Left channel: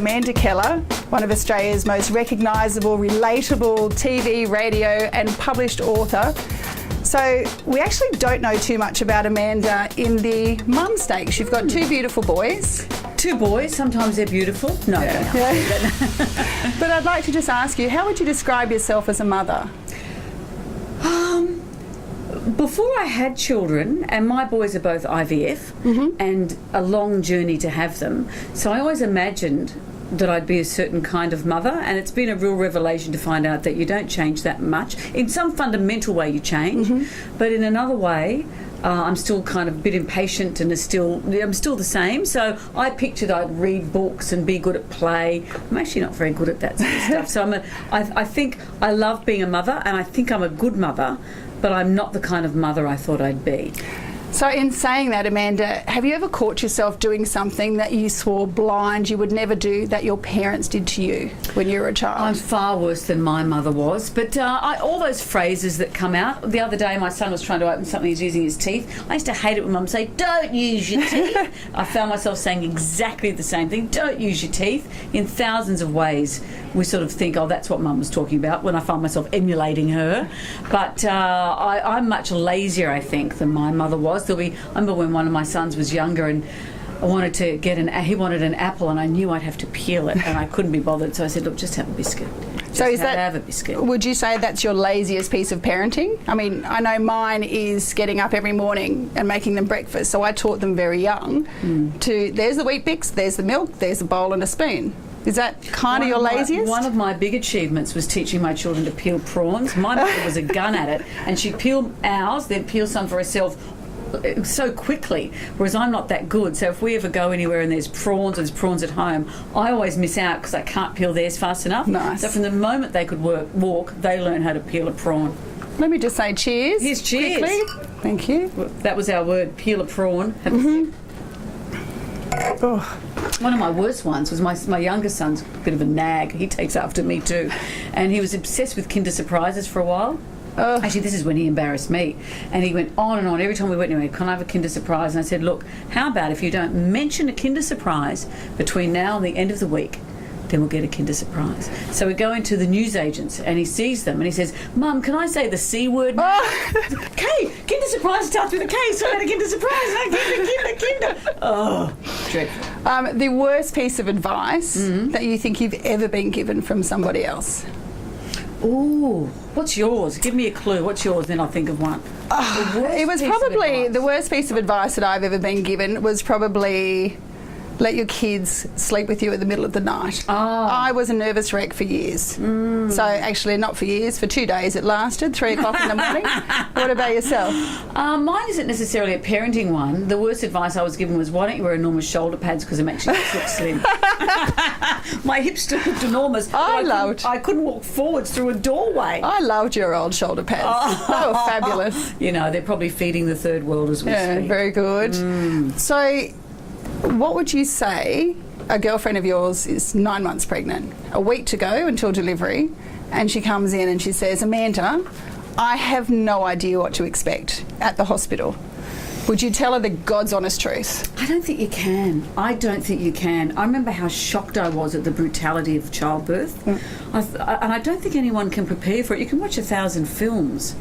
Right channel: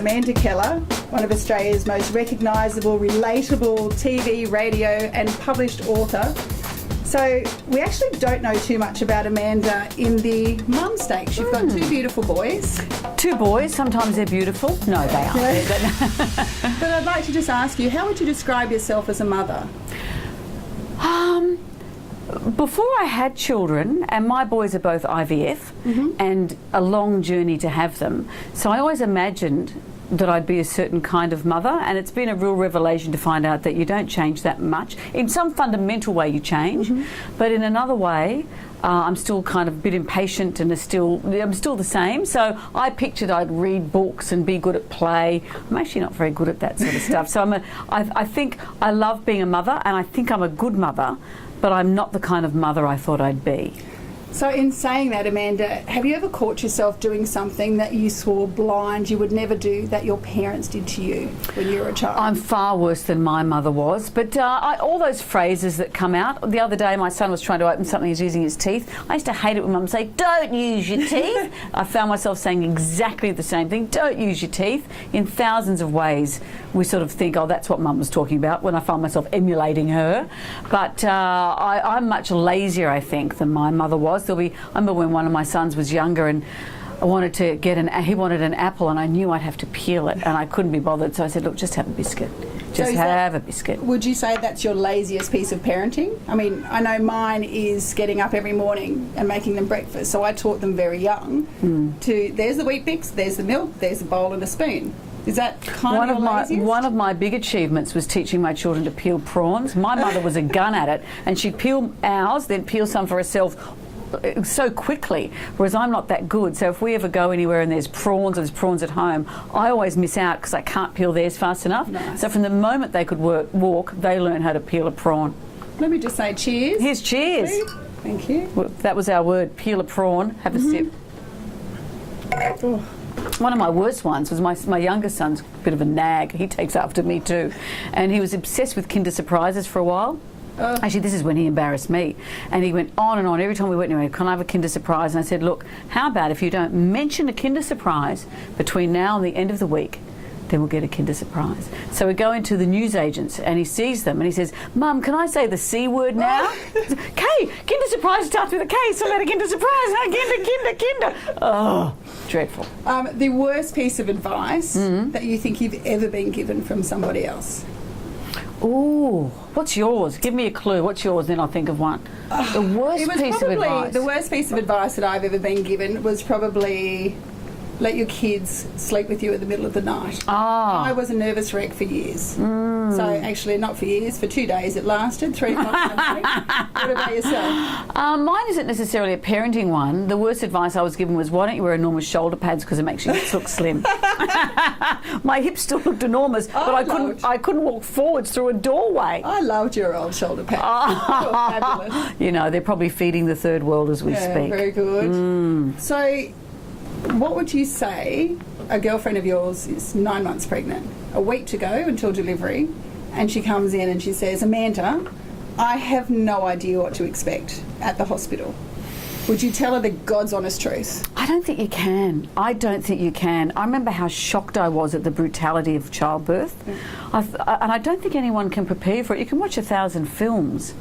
Amanda Keller, one of Australia's most recognisable, relatable TV, radio and published author. So we actually don't know too much about Amanda in the mum stakes. You've got two beautiful boys. Two boys, sometimes they're beautiful. No, they aren't. But I'd like to just ask you, how would you describe yourself as a mother? Before I had children, and my boys are both IVF, and a long journey to have them, so I always imagined that I'd be a certain kind of mother, and it's been a real revelation to find out that you don't change that much. In some fundamental way you change, but in another way I'm still kind of a bit impatient and I'm still the same. So I pictured I'd read books and be good at play. I'm actually not very good at that sort of stuff. So I think I love being a mother, and I think I'm a good mother, but I'm not the kind of mother I thought I'd be. So in saying that, Amanda, have you ever caught yourself doing something that you swore blind you would never do that your parents did to you when you were a child? I'm far worse than my mother was, but all those phrases that come out. The other day my son was trying to open something, he's using his teeth. I used to hate it when Mum would say, "Don't use your teeth." I found myself saying exactly the same thing, "Don't use your teeth," in thousands of ways. We sort of think, oh, that's what Mum was talking about, when I find myself emulating her. But I'm much lazier, I think, than my mother was. I remember when one of my sons was younger and I wanted to he wanted an apple, and I knew I'd have to peel it, and I couldn't be bothered. So I said, look, just have a biscuit. Just have a biscuit. Would you say that's your laziest piece of parenting? I mean, I know mine is getting up every morning and making them breakfast. So I taught them very young to, there's the Wheat Bix, there's the milk, there's a bowl and a spoon. Is that kind of your laziest? One of my big achievements was teaching my children to peel prawns. My mother was a gun at it, and she'd peel ours, then peel some for herself so quickly, whereas I'm not that good. So if we ever go anywhere and there's prawns at home, I always miss out because I can't peel theirs fast enough. Nice. So from the moment they could walk, they learned how to peel a prawn. Let me just say cheers. Here's cheers. Quickly. Thank you. Well, that was our word, peel a prawn. Have a sip. Oh. One of my worst ones was my younger son's a bit of a nag. He takes after me too. And he was obsessed with Kinder Surprises for a while. Actually, this is when he embarrassed me. And he went on and on. Every time we went anywhere, can I have a Kinder Surprise? And I said, look, how about if you don't mention a Kinder Surprise between now and the end of the week, then we'll get a Kinder Surprise. So we go into the newsagents and he sees them and he says, Mum, can I say the C word now? K, Kinder Surprise starts with a K, so I got a Kinder Surprise. Kinder. Oh, dreadful. The worst piece of advice that you think you've ever been given from somebody else? Oh, what's yours? Give me a clue. What's yours? Then I'll think of one. The worst piece of advice that I've ever been given was probably let your kids sleep with you at the middle of the night. Oh. I was a nervous wreck for years. So actually not for years, for 2 days it lasted, 3 o'clock in the morning. What about yourself? Mine isn't necessarily a parenting one. The worst advice I was given was, why don't you wear enormous shoulder pads because it makes your hips look slim. My hips still looked enormous. I couldn't walk forwards through a doorway. I loved your old shoulder pads. They were fabulous. You know, they're probably feeding the third world as we speak. Very good. So what would you say, a girlfriend of yours is 9 months pregnant, a week to go until delivery, and she comes in and she says, Amanda, I have no idea what to expect at the hospital. Would you tell her the God's honest truth? I don't think you can. I remember how shocked I was at the brutality of childbirth. And I don't think anyone can prepare you for it. You can watch 1,000 films,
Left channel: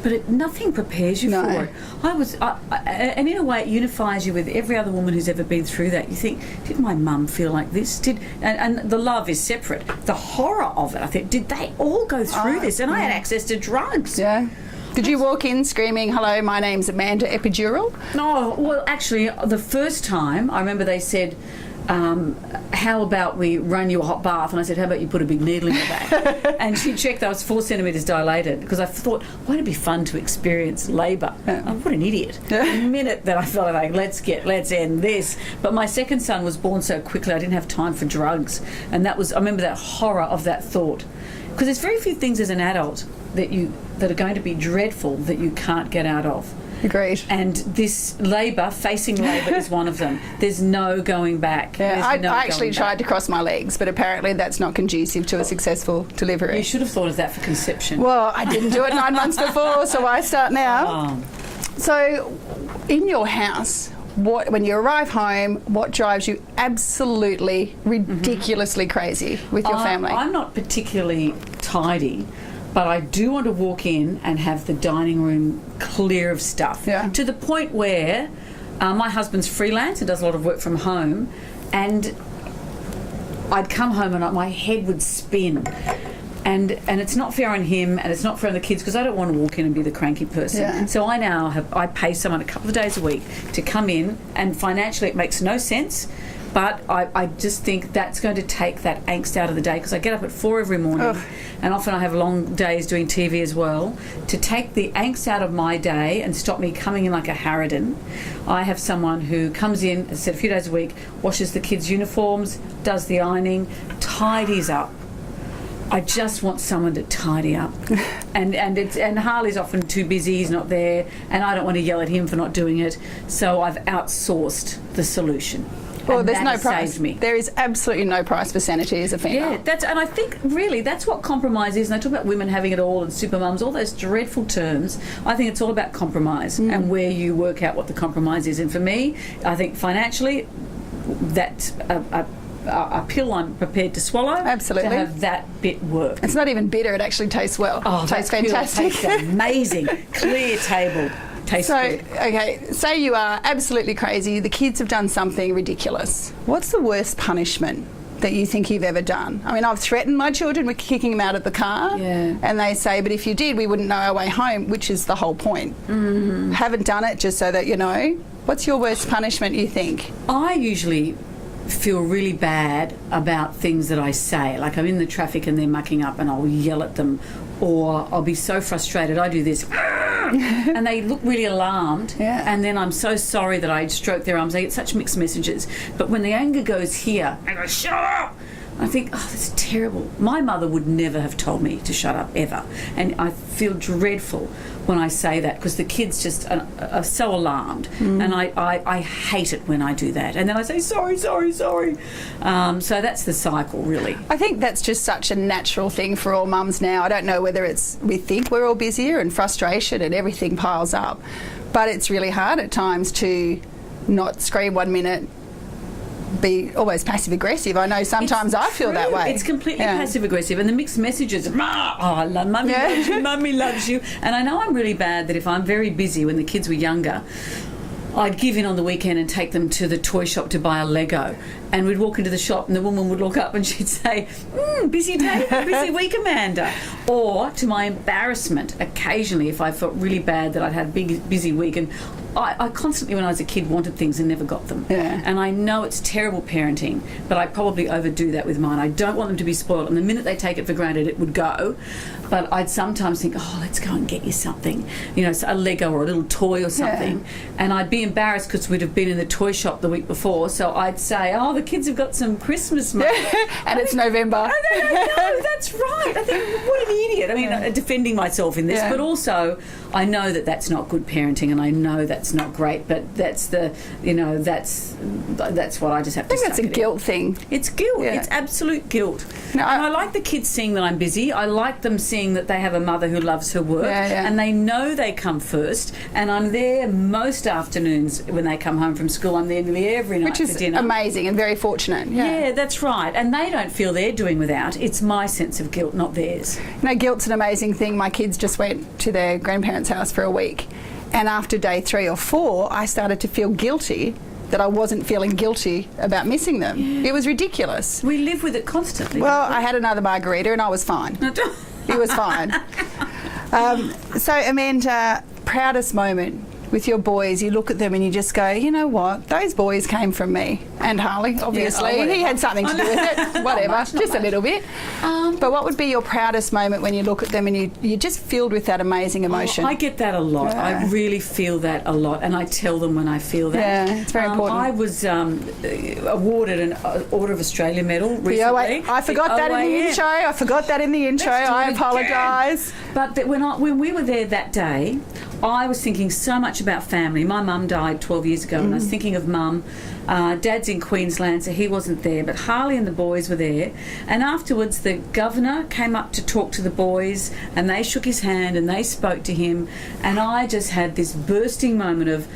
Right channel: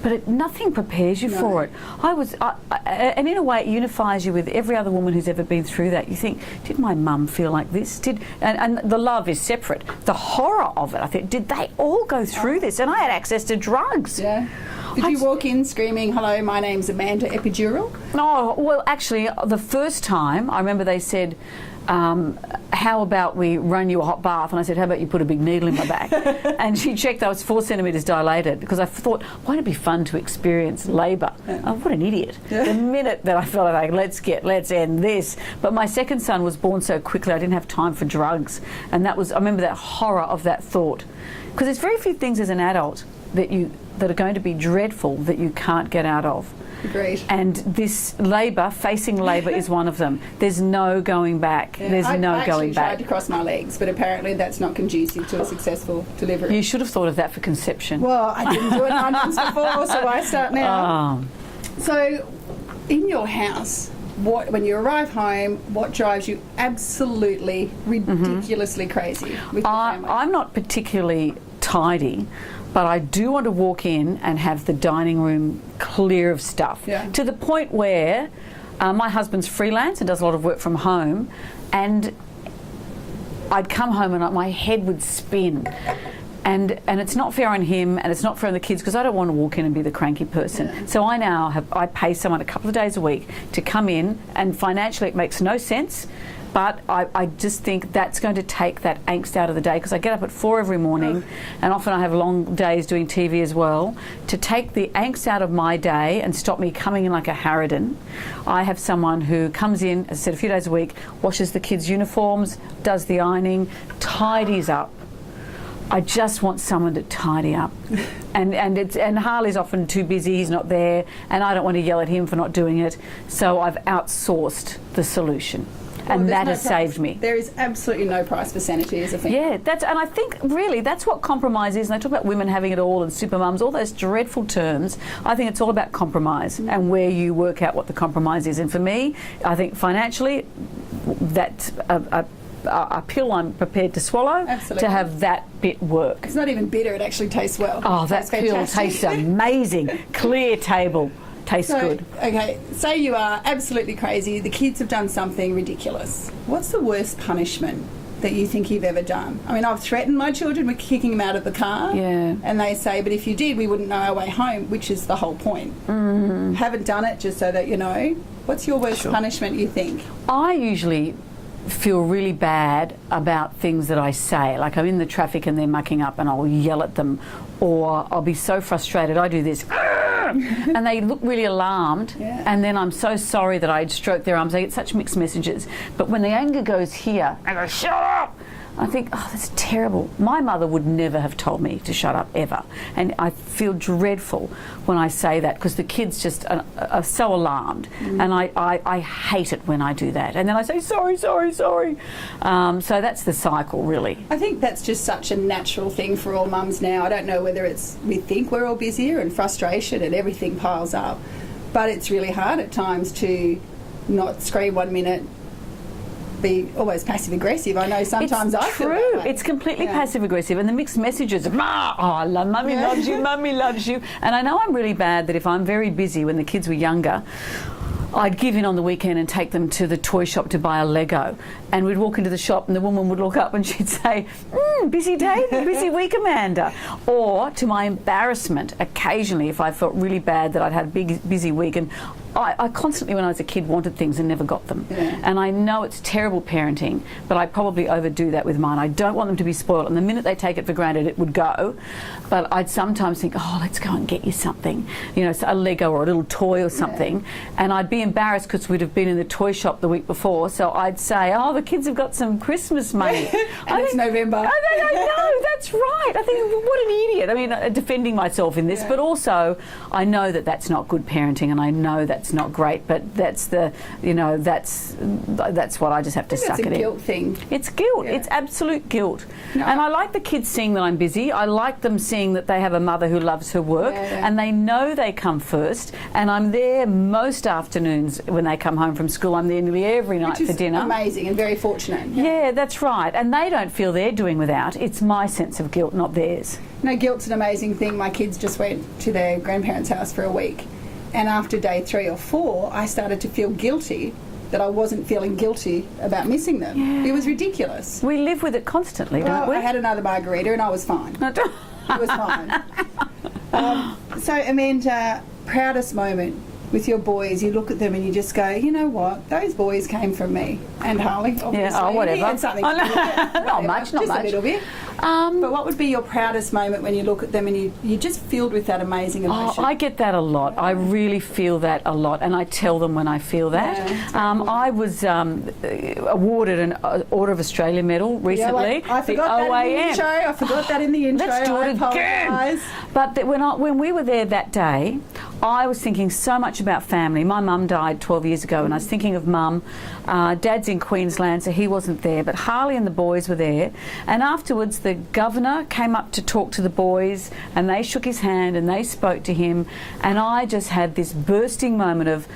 but nothing prepares you for it. And in a way, it unifies you with every other woman who's ever been through that. You think, did my mum feel like this? And the love is separate. The horror of it, I think, did they all go through this? And I had access to drugs. Yeah. Did you walk in screaming, hello, my name's Amanda, epidural? Oh, well, actually, the first time, I remember they said, how about we run you a hot bath? And I said, how about you put a big needle in my back? And she checked I was 4 centimetres dilated, because I thought, won't it be fun to experience labour? Oh, what an idiot. The minute that I felt like, let's end this. But my second son was born so quickly, I didn't have time for drugs. And I remember that horror of that thought. Because there's very few things as an adult that are going to be dreadful that you can't get out of. Agreed. And this facing labour is one of them. There's no going back. Yeah, I actually tried to cross my legs, but apparently that's not conducive to a successful delivery. You should have thought of that for conception. Well, I didn't do it 9 months before, so I start now. So, in your house, when you arrive home, what drives you absolutely ridiculously crazy with your family? I'm not particularly tidy, but I do want to walk in and have the dining room clear of stuff. Yeah. To the point where my husband's freelance and does a lot of work from home, and I'd come home and my head would spin. And it's not fair on him, and it's not fair on the kids, because I don't want to walk in and be the cranky person. Yeah. So I pay someone a couple of days a week to come in, and financially it makes no sense, but I just think that's going to take that angst out of the day, because I get up at 4 every morning, and often I have long days doing TV as well. To take the angst out of my day and stop me coming in like a harridan, I have someone who comes in, as I said, a few days a week, washes the kids' uniforms, does the ironing, tidies up. I just want someone to tidy up, and Harley's often too busy. He's not there, and I don't want to yell at him for not doing it. So I've outsourced the solution, well, and there's that no has price. saved me. There is absolutely no price for sanity as a female. Yeah, and I think really that's what compromise is. And I talk about women having it all and super mums, all those dreadful terms. I think it's all about compromise and where you work out what the compromise is. And for me, I think financially, that's a pill I'm prepared to swallow. Absolutely. To have that bit work. It's not even bitter, it actually tastes well. Oh, It that tastes pill fantastic. tastes amazing. Clear table. Tastes So, good. okay, say you are absolutely crazy, the kids have done something ridiculous. What's the worst punishment that you think you've ever done? I mean, I've threatened my children with kicking them out of the car. Yeah. And they say, but if you did, we wouldn't know our way home, which is the whole point. Haven't done it just so that you know. What's your worst punishment, you think? I usually feel really bad about things that I say. Like I'm in the traffic and they're mucking up and I'll yell at them, or I'll be so frustrated I do this and they look really alarmed, and then I'm so sorry that I stroke their arms. I get such mixed messages. But when the anger goes here, I go, shut up! I think, oh, that's terrible. My mother would never have told me to shut up, ever. And I feel dreadful when I say that, because the kids just are so alarmed. And I hate it when I do that. And then I say, sorry, sorry, sorry. So that's the cycle, really. I think that's just such a natural thing for all mums now. I don't know whether it's we think we're all busier and frustration and everything piles up. But it's really hard at times to not scream 1 minute, be always passive aggressive. I know sometimes I feel that way. It's completely passive aggressive, and the mixed messages of I love mummy loves you, mummy loves you. And I know I'm really bad that if I'm very busy when the kids were younger, I'd give in on the weekend and take them to the toy shop to buy a Lego. And we'd walk into the shop and the woman would look up and she'd say, busy day, busy week, Amanda. Or, to my embarrassment, occasionally, if I felt really bad that I'd had a big, busy week, and I constantly, when I was a kid, wanted things and never got them. Yeah. And I know it's terrible parenting, but I probably overdo that with mine. I don't want them to be spoiled, and the minute they take it for granted, it would go. But I'd sometimes think, oh, let's go and get you something, you know, a Lego or a little toy or something. And I'd be embarrassed because we'd have been in the toy shop the week before, so I'd say, oh, the kids have got some Christmas money. And it's November. No, that's right. I think, what an idiot. I mean, defending myself in this, but also I know that that's not good parenting, and I know that's not great, but that's the, you know, that's what I just have to suck That's a it guilt in. thing. It's guilt. Yeah. It's absolute guilt. No, and I like the kids seeing that I'm busy. I like them seeing that they have a mother who loves her work, and they know they come first, and I'm there most afternoons when they come home from school. I'm there nearly every night Which is for dinner. amazing and very fortunate. Yeah, that's right. And they don't feel they're doing without. It's my sense of guilt, not theirs. You know, guilt's an amazing thing. My kids just went to their grandparents' house for a week, and after day 3 or 4, I started to feel guilty that I wasn't feeling guilty about missing them. It was ridiculous. We live with it constantly, Well, don't we? I had another margarita and I was fine. It was fine. So, Amanda, proudest moment with your boys, you look at them and you just go, you know what, those boys came from me. And Harley, obviously. whatever. He had something to do with it. Whatever, much, not just much. a little bit. But what would be your proudest moment when you look at them and you're just filled with that amazing emotion? I get that a lot. Yeah. I really feel that a lot, and I tell them when I feel that. Yeah, it's very important. I was awarded an Order of Australia medal recently. I forgot that in the intro. I forgot that in the intro. Let's do I it apologise. But when we were there that day, I was thinking so much about family. My mum died 12 years ago, and I was thinking of Mum. Dad's in Queensland, so he wasn't there, but Harley and the boys were there. And afterwards, the governor came up to talk to the boys, and they shook his hand and they spoke to him. And I just had this bursting moment of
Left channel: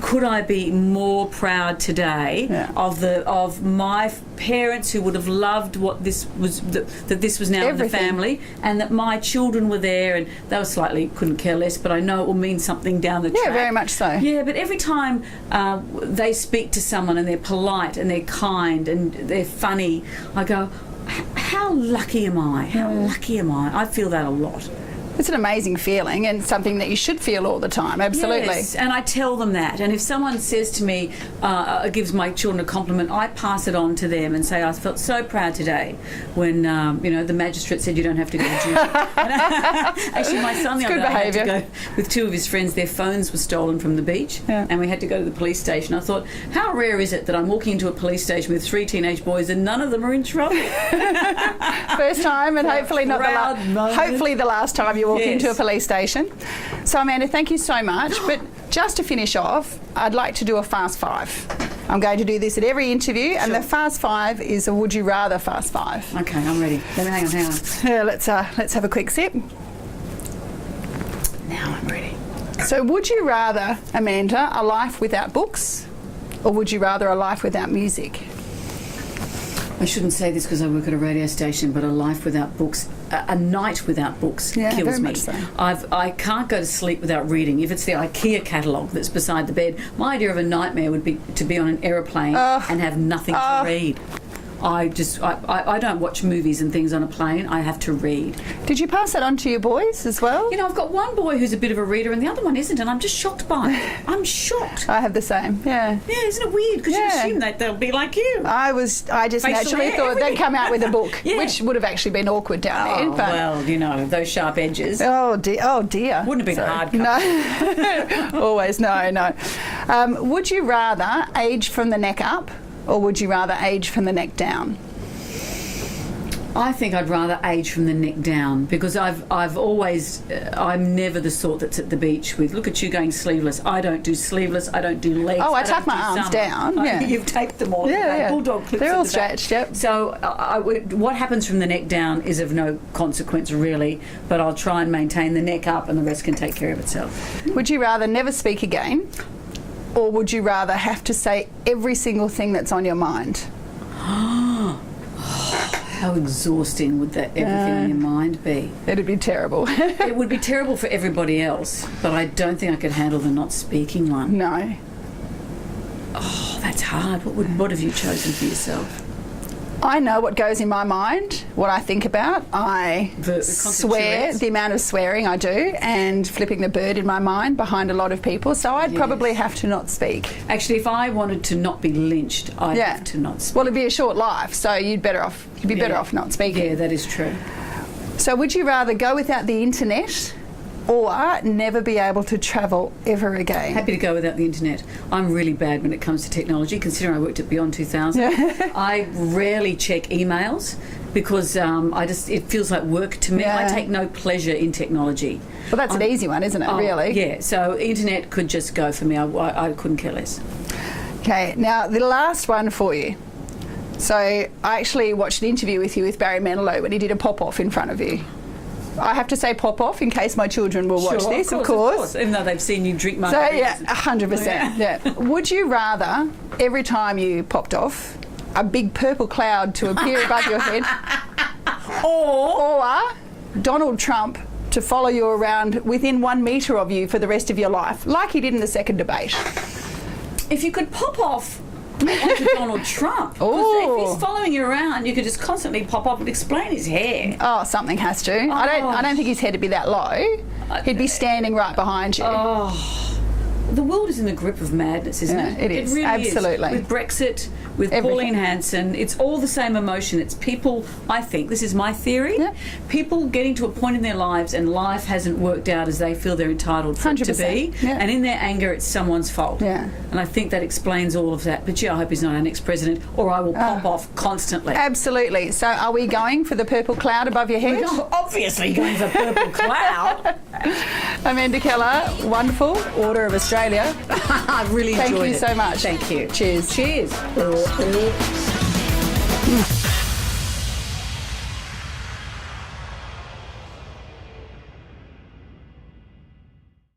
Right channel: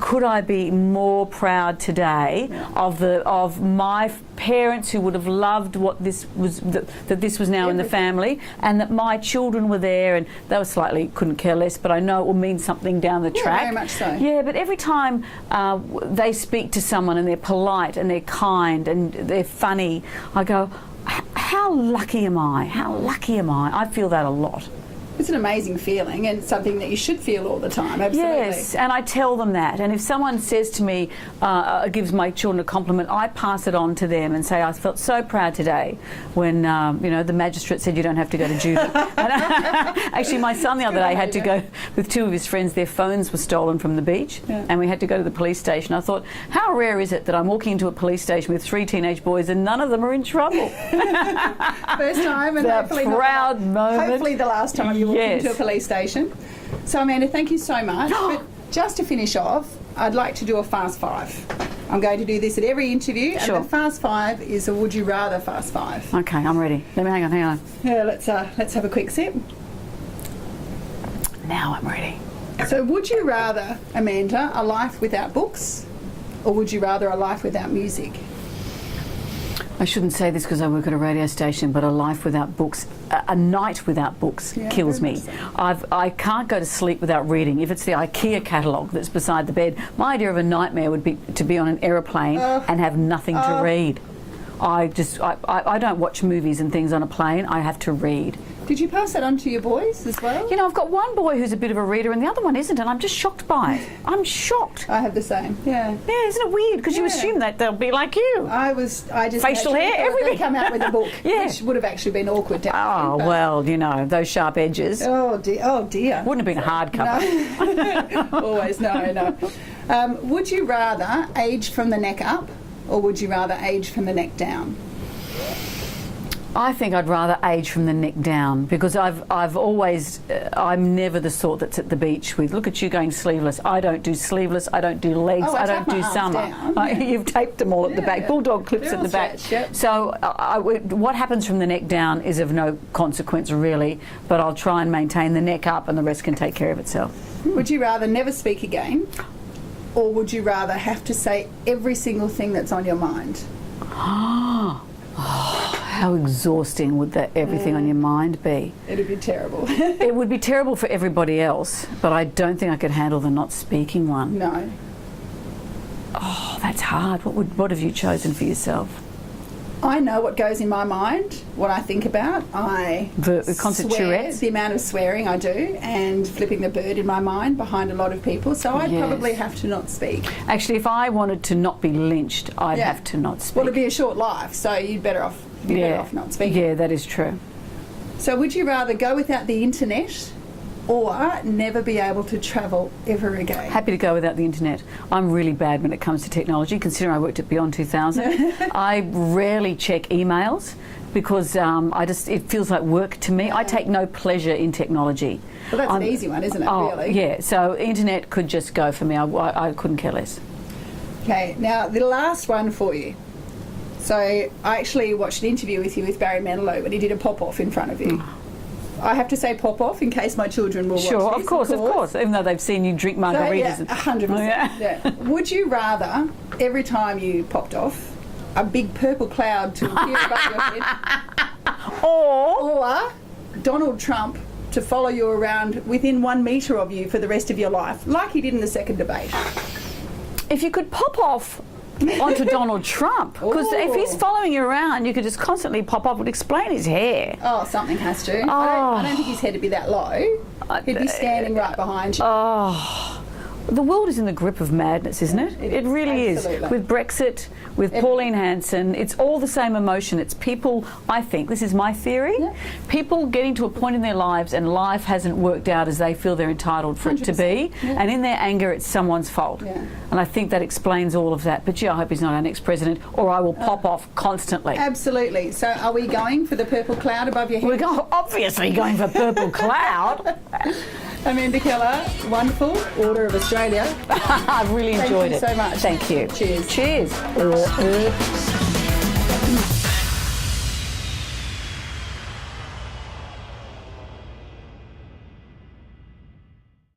could I be more proud today of my parents who would have loved what this was, that this was now in the family, and that my children were there, and they were slightly couldn't care less, but I know it will mean something down the track. Yeah, very much so. Yeah, but every time they speak to someone and they're polite and they're kind and they're funny, I go, how lucky am I? How lucky am I? I feel that a lot. It's an amazing feeling and something that you should feel all the time, absolutely. Yes, and I tell them that. And if someone says to me, gives my children a compliment, I pass it on to them and say, I felt so proud today when, the magistrate said you don't have to go to jury. Actually, my son the other day had to go with two of his friends. Their phones were stolen from the beach, and we had to go to the police station. I thought, how rare is it that I'm walking into a police station with 3 teenage boys and none of them are in trouble? First time, and hopefully the last time you walk into a police station. So Amanda, thank you so much. But just to finish off, I'd like to do a fast five. I'm going to do this at every interview, and the fast five is a would you rather fast five. Okay, I'm ready. Hang on. Yeah, let's have a quick sip. Now I'm ready. So would you rather, Amanda, a life without books, or would you rather a life without music? I shouldn't say this because I work at a radio station, but a life without books, a night without books kills me. So. I can't go to sleep without reading. If it's the IKEA catalogue that's beside the bed, my idea of a nightmare would be to be on an aeroplane and have nothing to read. I don't watch movies and things on a plane. I have to read. Did you pass that on to your boys as well? I've got one boy who's a bit of a reader and the other one isn't, and I'm just shocked by it. I'm shocked. I have the same. Yeah. Yeah, isn't it weird? Because you assume that they'll be like you. I just naturally thought they'd come out with a book, which would have actually been awkward down there. Oh, well, those sharp edges. Oh dear. Wouldn't have been a hard cover. No. Always, no. Would you rather age from the neck up, or would you rather age from the neck down? I think I'd rather age from the neck down, because I've always I'm never the sort that's at the beach with, look at you going sleeveless. I don't do sleeveless. I don't do legs. I don't tuck my do arms summer. down. You've taped them all at the back. Bulldog clips They're at all the back. stretched, yep. So what happens from the neck down is of no consequence really, but I'll try and maintain the neck up, and the rest can take care of itself. Would you rather never speak again, or would you rather have to say every single thing that's on your mind? How exhausting would that everything on your mind be? It'd be terrible. It would be terrible for everybody else, but I don't think I could handle the not speaking one. No. Oh, that's hard. What have you chosen for yourself? I know what goes in my mind, what I think about. I swear, the amount of swearing I do, and flipping the bird in my mind behind a lot of people. So I'd probably have to not speak. Actually, if I wanted to not be lynched, I'd have to not speak. Well, it'd be a short life, so you'd be better off not speaking. Yeah, that is true. So would you rather go without the internet, or never be able to travel ever again? Happy to go without the internet. I'm really bad when it comes to technology, considering I worked at Beyond 2000. I rarely check emails because it feels like work to me. I take no pleasure in technology. Well, that's an easy one, isn't it, really? Yeah, so internet could just go for me. I couldn't care less. Okay, now the last one for you. So I actually watched an interview with you with Barry Manilow when he did a pop-off in front of you. I have to say pop off in case my children will watch this. Of course. Even though they've seen you drink margaritas. So, 100%. Yeah. Would you rather, every time you popped off, a big purple cloud to appear above your head, or Donald Trump to follow you around within 1 metre of you for the rest of your life, like he did in the second debate? If you could pop off onto Donald Trump, because if he's following you around, you could just constantly pop up and explain his hair. Oh, something has to. I don't think his head would be that low. He'd be standing right behind you. The world is in the grip of madness, isn't it? It is. It really Absolutely. is. With Brexit, with Pauline Hanson, it's all the same emotion. It's people, I think, this is my theory, people getting to a point in their lives and life hasn't worked out as they feel they're entitled for it to be, and in their anger it's someone's fault. And I think that explains all of that. But I hope he's not our next president, or I will pop off constantly. Absolutely. So are we going for the purple cloud above your head? We're obviously going for purple cloud. Amanda Keller, wonderful. Order of Australia. I've really enjoyed it. Thank you so much. Thank you. Cheers. Cheers.